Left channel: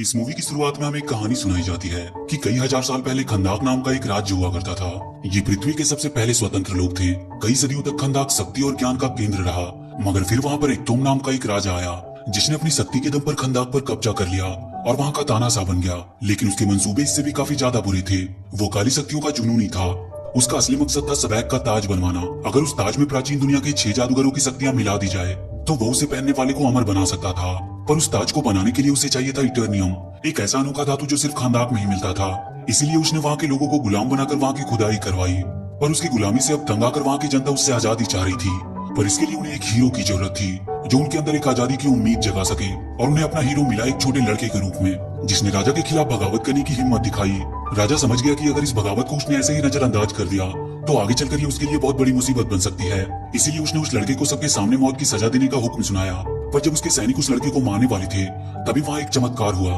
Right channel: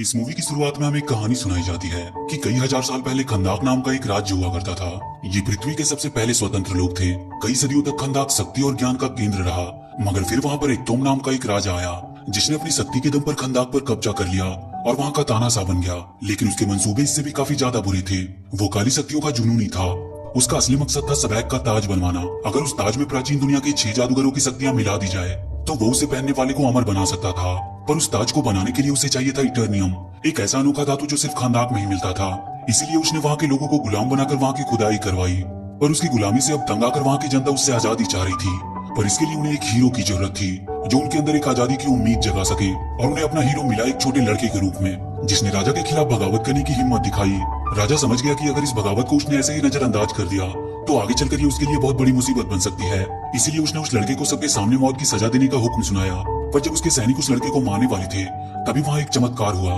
इस मूवी की शुरुआत में हमें एक कहानी सुनाई जाती है कि कई हजार साल पहले खंदाक नाम का एक राज्य हुआ करता था। ये पृथ्वी के सबसे पहले स्वतंत्र लोग थे। कई सदियों तक खंदाक शक्ति और ज्ञान का केंद्र रहा, मगर फिर वहाँ पर एकतोम नाम का एक राजा आया जिसने अपनी शक्ति के दम पर खंदाक पर कब्जा कर लिया और वहाँ का तानाशाह बन गया। लेकिन उसके मंसूबे इससे भी काफी ज्यादा बुरे थे। वो काली शक्तियों का जुनूनी था। उसका असली मकसद था सबैक का ताज बनवाना। अगर उस ताज में प्राचीन दुनिया के 6 जादूगरों की शक्तियां मिला दी जाए तो वो उसे पहनने वाले को अमर बना सकता था। पर उस ताज को बनाने के लिए उसे चाहिए था इटर्नियम, एक ऐसा अनोखा धातु जो सिर्फ खंदाक में ही मिलता था। इसीलिए उसने वहाँ के लोगों को गुलाम बनाकर वहाँ की खुदाई करवाई। पर उसकी गुलामी से अब तंग आकर वहाँ की जनता उससे आजादी चाह रही थी। पर इसके लिए उन्हें एक हीरो की जरूरत थी जो उनके अंदर एक आजादी की उम्मीद जगा सके। और उन्हें अपना हीरो मिला एक छोटे लड़के के रूप में जिसने राजा के खिलाफ बगावत करने की हिम्मत दिखाई। राजा समझ गया कि अगर इस बगावत को उसने ऐसे ही नजरअंदाज कर दिया तो आगे चलकर ये उसके लिए बहुत बड़ी मुसीबत बन सकती है। इसीलिए उसने उस लड़के को सबके सामने मौत की सजा देने का हुक्म सुनाया। पर जब उसके सैनिक उस लड़के को मारने वाले थे तभी वहाँ एक चमत्कार हुआ।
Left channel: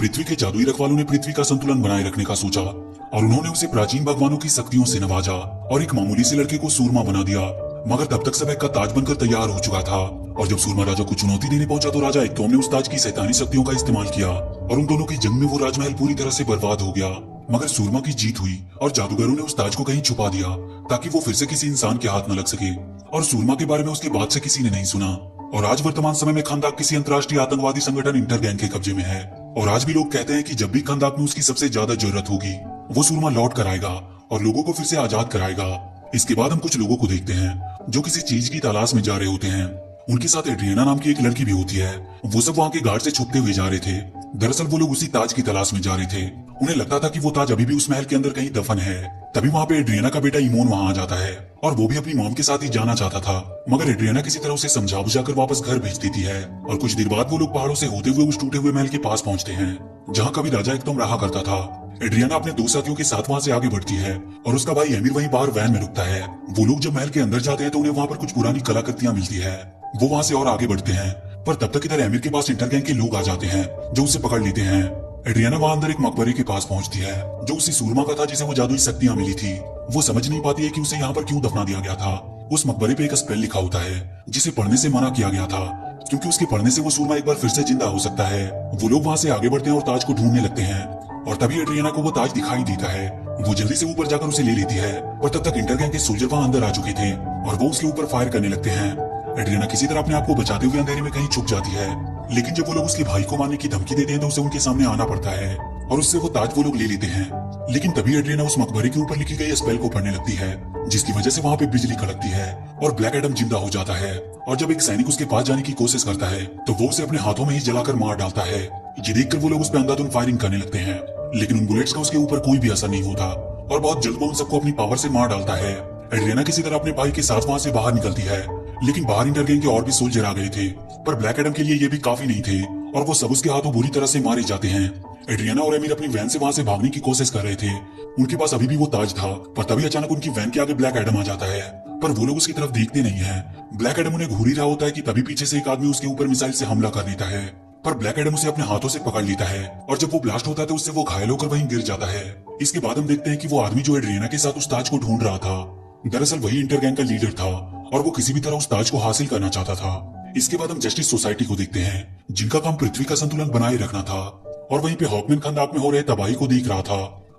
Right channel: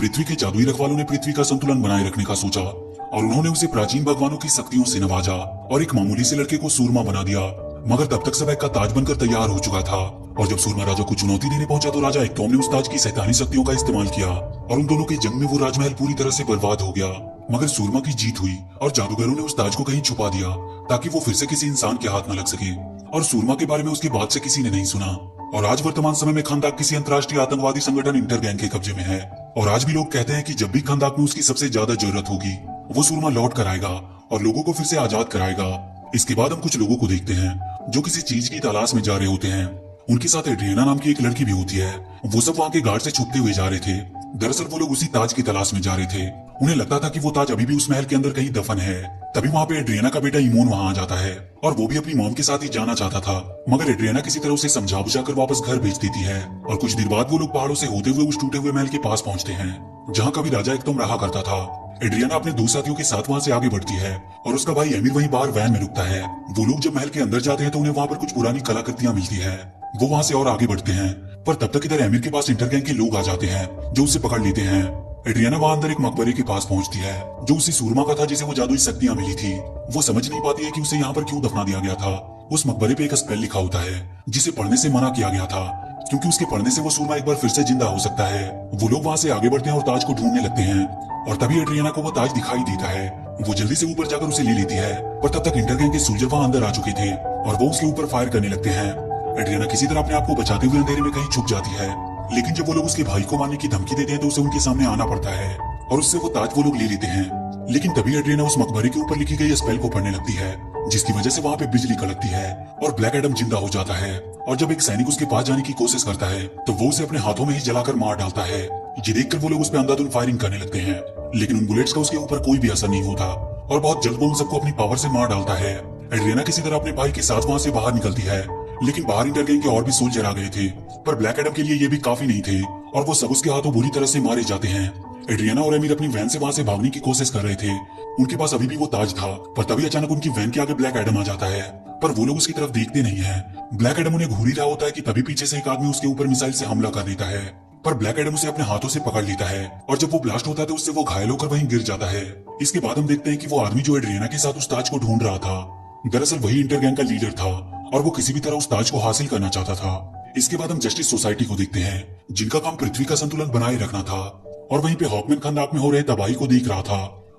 पृथ्वी के जादुई रखवालों ने पृथ्वी का संतुलन बनाए रखने का सोचा और उन्होंने उसे प्राचीन भगवानों की शक्तियों से नवाजा और एक मामूली से लड़के को सूरमा बना दिया। मगर तब तक सबैक का ताज बनकर तैयार हो चुका था। और जब सूरमा राजा को चुनौती देने पहुंचा तो राजा एकतोम ने उस ताज की शैतानी शक्तियों का इस्तेमाल किया और उन दोनों की जंग में वो राजमहल पूरी तरह से बर्बाद हो गया। मगर सूरमा की जीत हुई और जादूगरों ने उस ताज को कहीं छुपा दिया ताकि वो फिर से किसी इंसान के हाथ न लग सके। और सूरमा के बारे में उसके बाद से किसी ने नहीं सुना। और आज वर्तमान समय में खंदाक किसी अंतर्राष्ट्रीय आतंकवादी संगठन इंटरगैंग के कब्जे में है। और आज भी लोग कहते हैं कि जब भी खंदाक में उसकी सबसे ज्यादा जरूरत होगी वो सूरमा लौट कर आएगा और लोगों को फिर से आजाद कराएगा। इसके बाद हम कुछ लोगों को देखते हैं जो किसी चीज की तलाश में जा रहे होते हैं। उनके साथ एड्रियाना नाम की एक लड़की भी होती है। वो सब वहाँ के घाट से छुपते हुए जा रहे थे। दरअसल वो लोग उसी ताज की तलाश में जा रहे थे। उन्हें लगता था कि वो ताज अभी भी उस महल के अंदर कहीं दफन है। तभी वहाँ पे एड्रियाना का बेटा इमोन वहाँ आ जाता है और वो भी अपनी मॉम के साथ ही जाना चाहता था। मगर एड्रियाना किसी तरह उसे समझा बुझाकर वापस घर भेज देती है। और कुछ देर बाद वो लोग पहाड़ों से होते हुए उस टूटे हुए महल के पास पहुंचते हैं जहाँ कभी राजा एकतोम रहा करता था। एड्रियाना अपने 2 साथियों के साथ वहाँ से आगे बढ़ती है और उसका भाई एमिर वहीं बाहर वैन में रुकता है। वो लोग जब महल के अंदर जाते हैं तो उन्हें वहाँ पर कुछ पुरानी कलाकृतियां मिलती है। वो वहाँ से और आगे बढ़ते हैं पर तब तक इधर एमिर के पास इंटरगैंग के लोग आ जाते हैं जो उसे पकड़ लेते हैं। एड्रियाना वहाँ अंदर एक मकबरे के पास पहुंचती है जो उसी सूरमा का था जिसे वो जादुई शक्तियां मिली थी। वो समझ नहीं पाती है कि उसे यहाँ पर क्यों दफना दिया गया था। उस मकबरे पे एक स्पेल लिखा होता है जिसे पढ़ने से मना किया गया था क्योंकि उसके पढ़ने से वो सूरमा एक बार फिर से जिंदा हो सकता है। वो लोग वहाँ से आगे बढ़ते हैं और ताज को ढूंढने लगते हैं और तभी एड्रियाना को वो ताज दिखाई देता है। वो जल्दी से ऊपर जाकर उसे ले लेती है पर तब तक इंटरगैंग के सोल्जर वहाँ अंदर आ चुके थे और वो उसके ऊपर फायर करने लगते हैं। एड्रियाना किसी तरह अपने आप को बचाते हुए अंधेरे में कहीं छुप जाती है। लेकिन जब वो लोग उसके भाई को मारने की धमकी देते हैं तो उसे उनके सामने आना पड़ता है और उससे वो ताज वो लोग ले लेते हैं। लेकिन तभी एड्रियाना उस मकबरे के ऊपर लिखी गई स्पेल को पढ़ने लगती है जिसकी वजह से वहाँ पे बिजली कड़कती है और ब्लैक एडम जिंदा हो जाता है। और जब एक सैनिक उसके पास जाने की कोशिश करता है तो वो उसे अपने हाथों में ही जलाकर मार डालता है। ये देखकर वो लोग उस पर अंधाधुंध फायरिंग करने लगते हैं लेकिन उन बुलेट्स का उसके ऊपर कोई भी असर नहीं होता और बहुत जल्द वो उन सबको अपनी पावर से मार डालता है। एड्रियाना किसी तरह अपने भाई के साथ वहाँ से बाहर निकलती है लेकिन बाहर इंटरगैंग के और भी सोल्जर आ गए थे पर ब्लैक एडम के लिए ये भी काफी नहीं थे और वो सब उसके हाथों बुरी तरह से मारे जाते हैं। एड्रियाना और एमिर अपनी वैन से वहाँ से भागने की कोशिश कर रहे थे। उनके पास अभी भी वो ताज था पर तभी अचानक उनकी वैन के आगे ब्लैक एडम आ जाता है पर वो लोग उसकी तरफ देखते नहीं है। ब्लैक एडम उन्हें घूर ही रहा होता है कि तभी पीछे से एक आदमी उसके ऊपर मिसाइल से हमला कर देता है पर ब्लैक एडम उसे अपने हाथों से पकड़ लेता है और जब वो ब्लास्ट होता है तो उससे वो घायल होकर वहीं गिर जाता है। इसके बाद हम देखते हैं कि वो आदमी जो एड्रियाना के साथ उस ताज को ढूंढ रहा था दरअसल वही इंटरगैंग का लीडर था और वो किसी भी तरह उस ताज को हासिल करना चाहता था। इसके बाद हम जस्टिस सोसाइटी को देखते हैं जिनका काम पृथ्वी का संतुलन बनाए रखना था। और वहीं पे हॉकमैन खंदाक में हो रहे तबाही को देख रहा था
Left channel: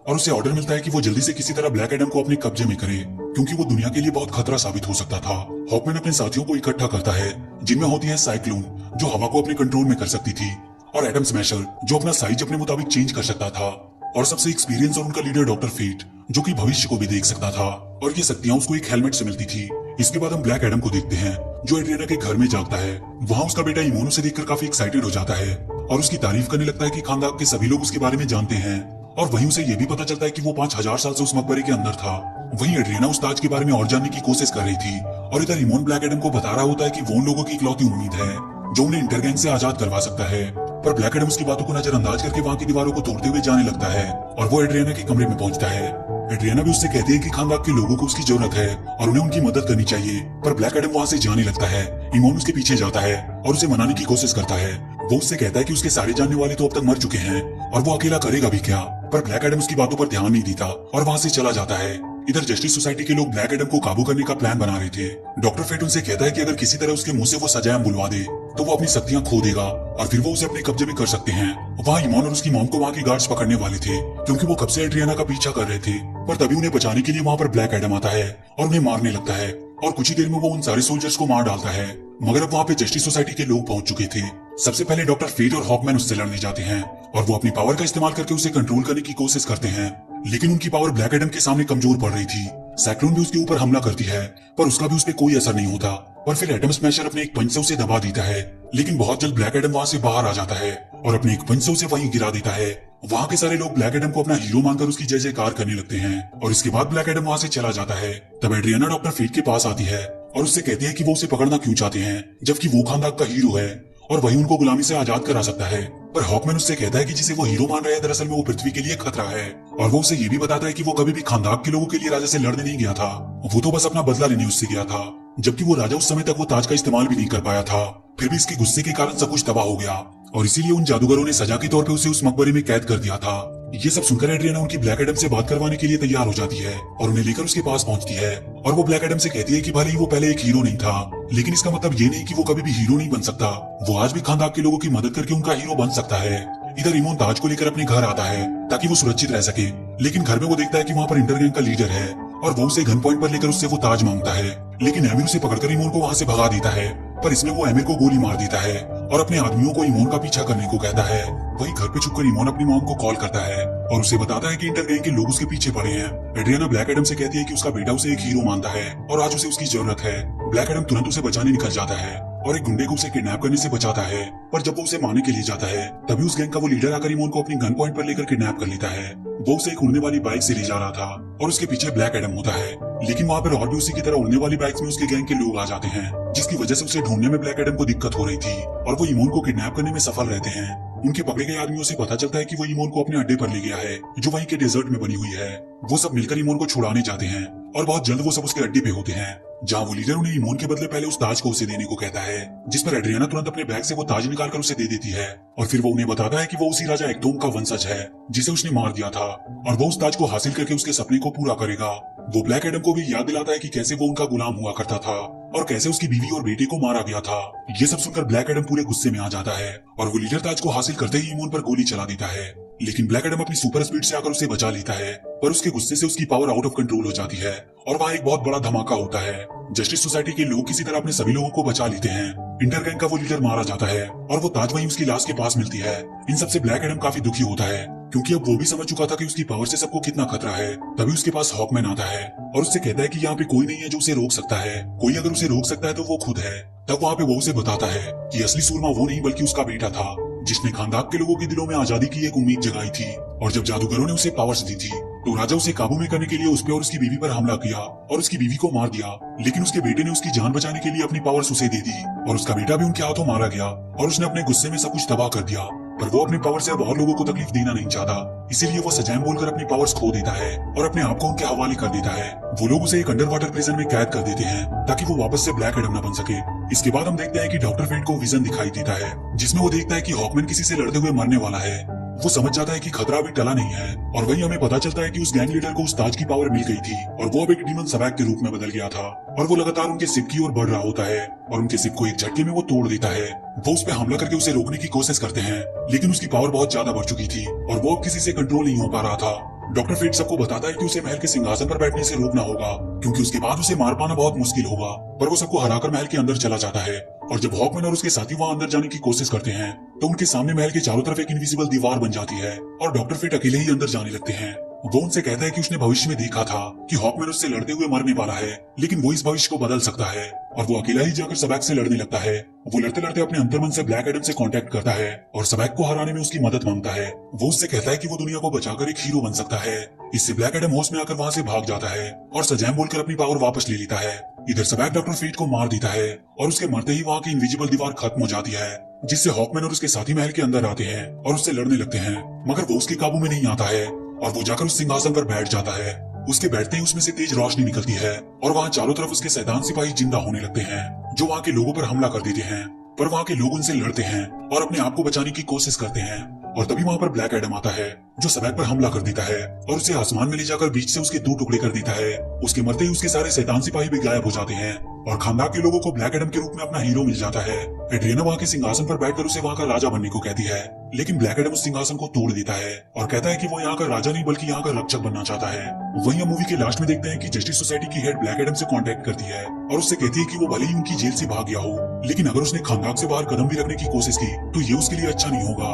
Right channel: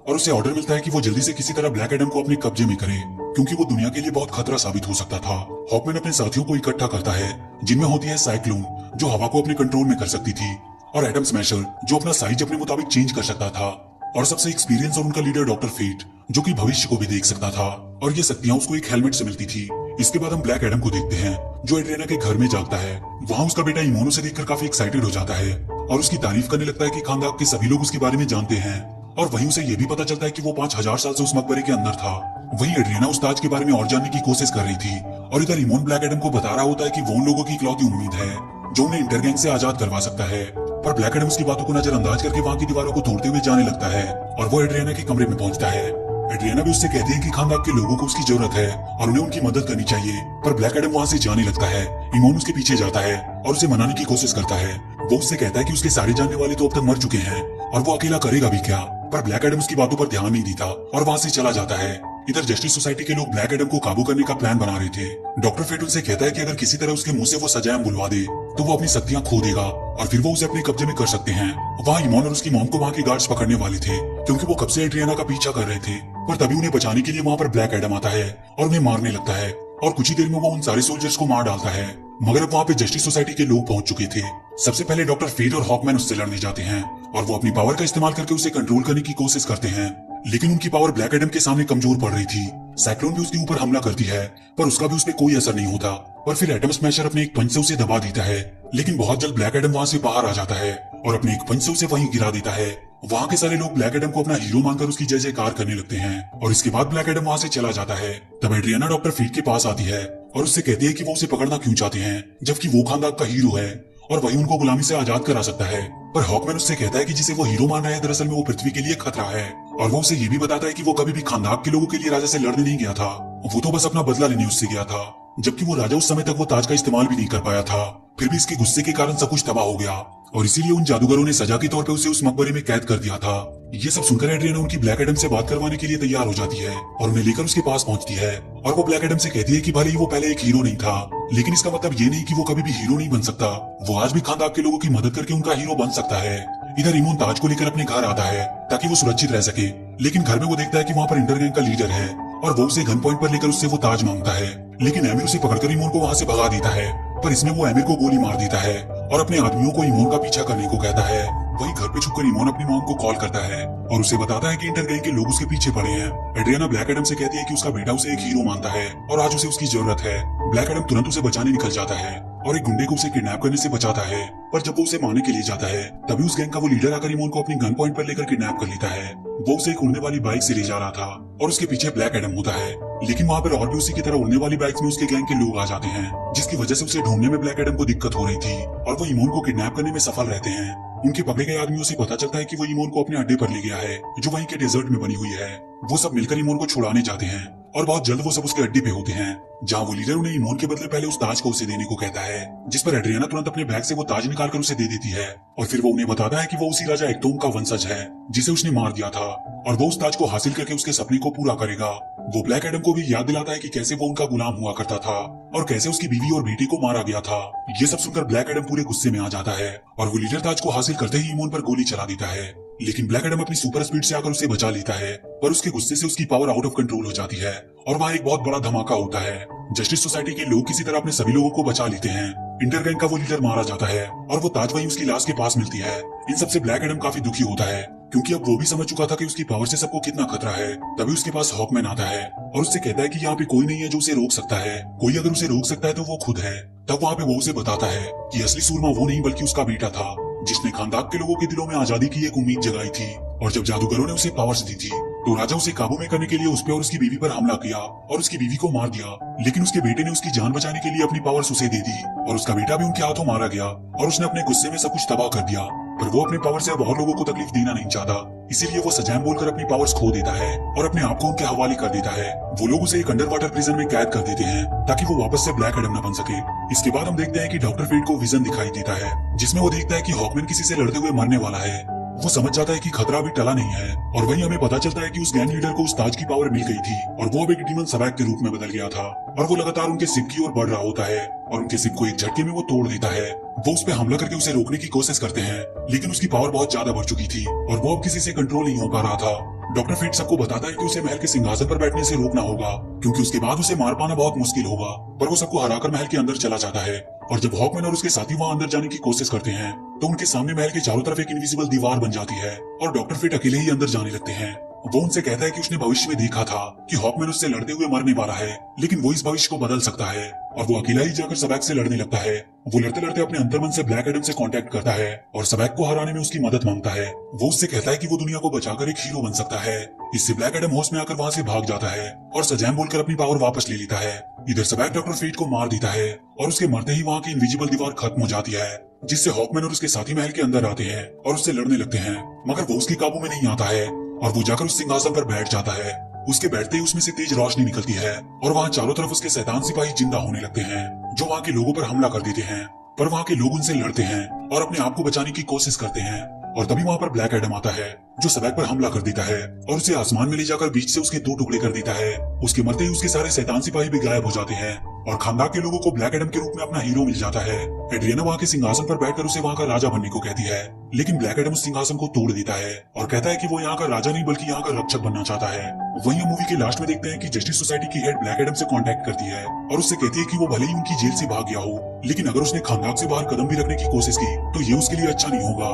और उसे ऑर्डर मिलता है कि वो जल्दी से किसी तरह ब्लैक एडम को अपने कब्जे में करे क्योंकि वो दुनिया के लिए बहुत खतरा साबित हो सकता था। हॉकमैन अपने साथियों को इकट्ठा करता है जिनमें होती है साइक्लोन जो हवा को अपने कंट्रोल में कर सकती थी और एटम स्मैशर जो अपना साइज अपने मुताबिक चेंज कर सकता था और सबसे एक्सपीरियंस और उनका लीडर डॉक्टर फेट जो कि भविष्य को भी देख सकता था और ये शक्तियां उसको एक हेलमेट से मिलती थी। इसके बाद हम ब्लैक एडम को देखते हैं जो एड्रियाना के घर में जागता है। वहाँ उसका बेटा इमोन उसे देखकर काफी एक्साइटेड हो जाता है और उसकी तारीफ करने लगता है कि खानदान के सभी लोग उसके बारे में जानते हैं। और वहीं उसे ये भी पता चलता है कि वो 5000 साल से उस मकबरे के अंदर था। वहीं एड्रियाना उस ताज के बारे में और जानने की कोशिश कर रही थी और इधर इमोन ब्लैक एडम को बता रहा होता है कि वो उन लोगों की इकलौती उम्मीद है जो उन्हें इंटरगैंग से आजाद करवा सकता है। पर ब्लैक एडम उसकी बातों को नजरअंदाज करके वहाँ की दीवारों को तोड़ते हुए जाने लगता है और वो एड्रियाना के कमरे में पहुंचता है। एड्रियाना भी उससे कहती है कि खानदान के लोगों को उसकी जरूरत है और उन्हें उनकी मदद करनी चाहिए। पर ब्लैक एडम वहाँ से जाने लगता है। इमोन उसके पीछे जाता है और उसे मनाने की कोशिश करता है। वो उससे कहता है कि उसके सारे जानने वाले तो अब तक मर चुके हैं और वो अकेला करेगा भी क्या। पर ब्लैक एडम उसकी बातों पर ध्यान नहीं देता और वहाँ से चला जाता है। इधर जस्टिस सोसाइटी के लोग ब्लैक एडम को काबू करने का प्लान बना रहे थे। डॉक्टर फेट उनसे कहता है कि अगर किसी तरह उसके मुंह से वो सजाएं बुलवा दे तो वो अपनी शक्तियां खो देगा और फिर वो उसे अपने कब्जे में कर सकते हैं। वहाँ इमोन और उसकी मॉम को वहाँ के गार्ड्स पकड़ने वाले थे क्योंकि वो कब से एड्रियाना का पीछा कर रहे थे, पर तभी उन्हें बचाने के लिए वहाँ पर ब्लैक एडम आता है और उन्हें मारने लगता है और कुछ ही देर में वो उन सारे सोल्जर्स को मार डालता है। मगर अब वहाँ पे जस्टिस सोसाइटी के लोग पहुंच चुके थे। सबसे पहले डॉक्टर फेट और हॉकमैन उससे लड़ने जाते हैं और वो अपनी पावर का इस्तेमाल करके उसे कंट्रोल करने की कोशिश करते हैं, लेकिन उनकी पावर ब्लैक एडम के सामने कमजोर पड़ रही थी। साइक्लोन भी उसके ऊपर हमला करती है पर उसका भी उस पर कोई असर नहीं होता और फिर एटम स्मैशर अपने एक पंच से उसे दबा देता है, लेकिन बहुत जल्द ब्लैक एडम वहाँ से बाहर आ जाता है और अपने एक पंच से उसे वहीं गिरा देता है। वहाँ के सारे लोग ब्लैक एडम को अपना हीरो मानकर उसकी जय जयकार करने लगते हैं और इसके बाद ब्लैक एडम वहाँ से चला जाता है। तब एड्रियाना डॉक्टर फेट के पास आती है और उससे कहती है कि वो उसे पकड़ना क्यों चाहते हैं जबकि वो खानदान का हीरो है और वही उनको गुलामी से आजाद करा सकता है। पर हॉकमैन उससे कहता है कि जिसे वो हीरो मान रहा है दरअसल में वो पृथ्वी के लिए खतरा है और वो उसे ये भी बताता है कि वो कभी भी खानदान के लोगों के लिए राजा से लड़ने नहीं गया था, वो तो बस अपना बदला लेने उससे गया था, जबकि वो राजा उस समय तक वो ताज का इस्तेमाल भी नहीं कर पाया था। फिर भी इसके गुस्से के कारण सब कुछ तबाह हो गया और इसीलिए उन जादूगरों ने सजा के तौर पे उसे उस मकबरे में कैद कर दिया था। ये सब सुनकर एड्रियाना उनकी ब्लैक एडम से बात करवाने के लिए तैयार हो जाती है और उन्हें लेकर उसके पास पहुंचती है और वो ब्लैक एडम से कहती है कि भले ही वो पहले एक हीरो नहीं था, लेकिन इसका मतलब ये नहीं कि वो कभी भी हीरो नहीं बन सकता। वो आज भी खानदान के लोगों की मदद करके उनका हीरो बन सकता है। इधर इमोन ताज को लेकर अपने घर आता है ताकि वो सुरक्षित रह सके, लेकिन घर में वो देखता है कि वहाँ पर इंटरगैंग का लीडर है और वो उसे गन पॉइंट पर लेकर उससे वो ताज मांगता है, लेकिन एमिर उसे पकड़कर इमोन को वहाँ से भगा देता है। पर इसमें वो एमिर को गोली मार देता है और अपने आदमियों को इमोन का पीछा करने को कहता है। वही घर पे छुपकर इमोन अपनी मॉम को कॉल करता है और उसे बताता है कि इंटरगैंग के लोग उसके पीछे पड़े हैं। एड्रियाना ब्लैक एडम से कहती है कि उसका बेटा उसे एक हीरो मानता है और आज उसे उसकी जरूरत है। ब्लैक एडम तुरंत उसे बचाने निकल जाता है और एक गुंडे को उसे किडनैप करने से बचाता है, पर जब वो उसे मारने के लिए जाता है तभी उस गैंग का वो लीडर आकर इमोन को अपनी गन पॉइंट पर लेकर किडनैप कर लेता है। वो उसे एक उड़ने वाली बाइक से ले जा रहा था और उसके पीछे ब्लैक एडम होता है, लेकिन वहाँ पर और भी उसी की तरह उड़ने वाली बाइक में उसके गैंग के लोग आ जाते हैं, जिसकी वजह से उसे ढूंढने में ब्लैक एडम को दिक्कत हो रही थी और वो इमोन को किडनैप करने में सफल रहते हैं। उनके पकड़े गए आदमियों से पता चलता है कि वो इमोन को अपने अड्डे पर ले गया है जो वहीं के डेजर्ट में बनी हुई है। वो सब मिलकर इमोन को छुड़ाने जाते हैं और बहुत जल्द वो सब उसके अड्डे पे होते हैं, जहाँ वो लीडर उन्हें इमोन के बदले पहले उस ताज को उसे देने को कहता है, जिस पर एड्रियाना तुरंत अपने बैग से वो ताज निकालकर उसे दे देती है और फिर वो उन्हें बताता है कि वो उसी राजा एक्टोम का वंशज है जिसे उसने मार दिया था और वो उस ताज को हासिल करके उसके सपने को पूरा करेगा। वो ब्लैक एडम को भी याद दिलाता है कि कैसे वो उनका गुलाम हुआ करता था और कैसे उसकी बीवी और बेटे को मारा गया था। ये सब सुनकर ब्लैक एडम पूरे गुस्से में आ जाता है और वो लीडर ताज को हासिल करते ही इमोन पर गोली चला देता है, लेकिन ब्लैक एडम अपनी सुपर स्पीड से आकर उसे बचा लेता है, पर उसके गुस्से से उसकी पावर आउट ऑफ कंट्रोल हो जाती है और वहाँ एक बहुत बड़ा धमाका होता है। जस्टिस सोसाइटी के लोग किसी तरह अपने सभी लोगों को बचा लेते हैं। इंटरगैंग का वो लीडर मारा जाता है और वो ताज वहीं उसकी लाश के पास मिलती है। इन सबसे ब्लैक एडम काफी दुखी होता है क्योंकि अब वो भी समझ चुका था कि उसकी पावर से सबको कितना खतरा है। तभी उसके पास हॉकमैन आता है और उससे कहता है कि यहाँ पे कोई नहीं है जो उसे रोक सकता है, कोई अगर उसे रोक सकता है तो वो खुद है। तब वहाँ पे वो उसे बताता है कि असली सूरमा वो नहीं बल्कि उसका बेटा था जिसने खानदान के लोगों के दिलों में आजादी की एक उम्मीद जगाई थी, और जब जादूगरों ने उसे पावर्स दी थी तो राजा उसे काबू में करने के लिए उस पे और उसकी बीवी पर हमला किया और उसकी बीवी को मार दिया, लेकिन उसके बेटे ने उसकी जान बचाने के लिए अपनी पावर्स उसे दे दी और उसका बेटा भी उनके हाथों मारा गया और उसने अपने गुस्से में सब कुछ तबाह कर दिया। पर वो अपने पावर से अब और लोगों को तकलीफ देना नहीं चाहता, इसीलिए वो सजैम बोलकर अपनी पावर्स खो देता है और अपने आप को उनके हवाले कर देता है। वो लोग उसे एक अंडर वाटर प्रिजन में कैद कर देते हैं ताकि वो वापस से ब्लैक एडम न बन सके। इसके बाद हम देखते हैं कि डॉक्टर फेट को विजन दिखाई देता है जिसमें वो देखता है कि हॉकमैन किसी से लड़ते हुए मरने वाला है। वो समझ जाता है कि खतरा भी टला नहीं है और वहीं हमें पता चलता है कि उस गैंग लीडर को उस ताज की पावर मिल गई थी और वो अब एक डीमन सबैक के रूप में बदल गया था और वो लगातार उनके शिप की ओर बढ़ रहा होता है और उनके शिप को एक झटके में वो तोड़ देता है। वो उस पर हमला करके उसे रोकने की कोशिश करते हैं, लेकिन उसकी पावर बहुत ज्यादा बढ़ चुकी थी और वो अब किसी से कंट्रोल नहीं हो पा रहा था। डॉक्टर फेट सबको बताता है कि उसे महल के सिंहासन पर बैठने से रोकना होगा क्योंकि उसके बाद उसे मार पाना बहुत मुश्किल होगा, पर वो सबको हराकर महल के अंदर चला जाता है। और जब हॉकमैन और उसके साथी वहाँ अंदर जाने की कोशिश करते हैं तो उनके सामने महल के चारों तरफ एक इनविजिबल दीवार बन जाती है और डॉक्टर फेट अकेले ही अंदर जाने लगते हैं। वो उनसे कहता है कि उसने भविष्य में देखा था कि हॉकमैन उससे लड़ते हुए मरने वाला है, लेकिन वो इस भविष्य को बदल सकता है और वो अकेला ही जाकर सबैक से लड़ने लगता है। वो लड़ते लड़ते अपने अंतर्मन से ब्लैक एडम से कांटेक्ट करता है और सबैक को हराने में उसकी मदद मांगता है। वो उससे कहता है कि वो दुनिया को बचाकर एक हीरो बन सकता है। इससे ब्लैक एडम होश में आकर वहाँ से भाग जाता है और सजैम बोलकर अपनी पावर वापस ले लेता है। इधर सबैक डॉक्टर फेट को मार देता है और उसके मरते ही वहाँ की इनविजिबल दीवार खत्म हो जाती है, जिससे हॉकमैन और उसके साथी महल के अंदर आते हैं और उससे लड़ने लगते हैं, मगर वो उसके काबू में नहीं आता है और वो जाकर उस सिंहासन पर बैठ जाता है। उसके बैठते ही उसमें से तेज रोशनी निकलती है और वहाँ चारों तरफ उसके शैतान सिपाही जिंदा होने लगते हैं जो वहाँ के लोगों पर हमला कर देते हैं, पर वहाँ के लोग उनसे लड़ते हैं और अपने आप को बचाने की कोशिश करते हैं और तभी वहाँ पर ब्लैक एडम आता है जो सड़क पर हमला कर देता है और उसे आसमान में ले जाकर बीच से उसके 2 टुकड़े कर देता है। उसके मरते ही उसके सारे शैतान सिपाही भी गायब हो जाते हैं और खानदान के लोगों को ब्लैक एडम के रूप में अपना हीरो मिल जाता है। एड्रियाना वहाँ के सिंहासन पर बैठकर उसे वहाँ का राजा बनने को कहती है, लेकिन ब्लैक एडम उस सिंहासन को तोड़ देता है और कहता है कि वो यहाँ का राजा नहीं बल्कि यहाँ का रक्षक बनना चाहता है। वहीं हम मूवी के लास्ट में देखते हैं कि जस्टिस सोसाइटी की हेड ब्लैक एडम से कांटेक्ट करती है और उससे कहती है कि वो भले ही उनकी जेल से भाग गया हो, लेकिन अगर उसने खानदान से बाहर कदम भी रखने की कोशिश की तो ये उसके लिए अच्छा नहीं होगा।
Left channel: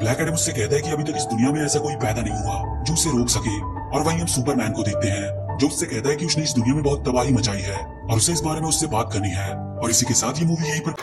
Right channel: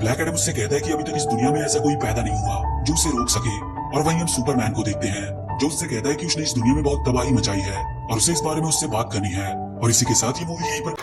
ब्लैक एडम उससे कहता है कि अभी तक इस दुनिया में ऐसा कोई पैदा नहीं हुआ जो उसे रोक सके। और वहीं हम सुपरमैन को देखते हैं जो उससे कहता है कि उसने इस दुनिया में बहुत तबाही मचाई है और उसे इस बारे में उससे बात करनी है। और इसी के साथ ये मूवी यहीं पर